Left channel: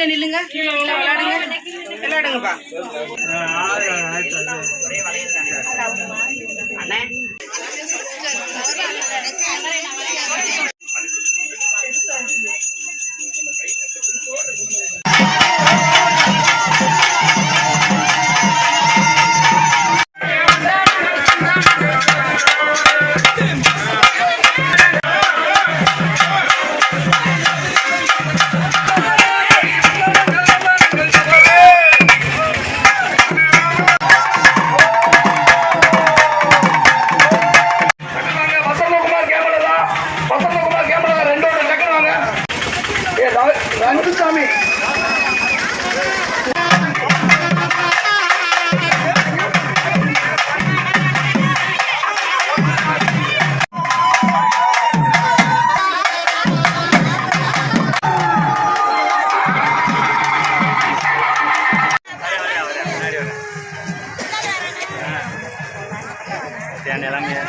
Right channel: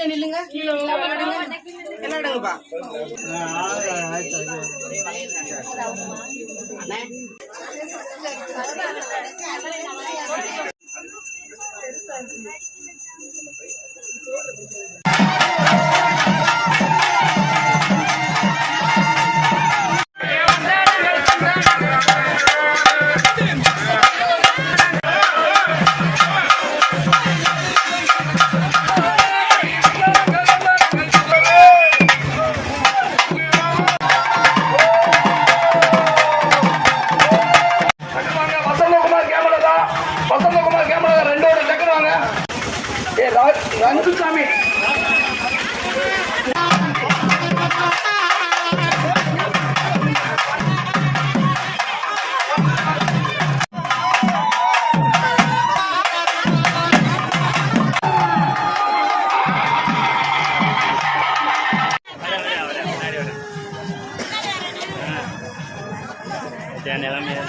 நில்லுங்க. விளையாடுங்க விளையாடுங்கப்பா சாமி Jangan dalamnya.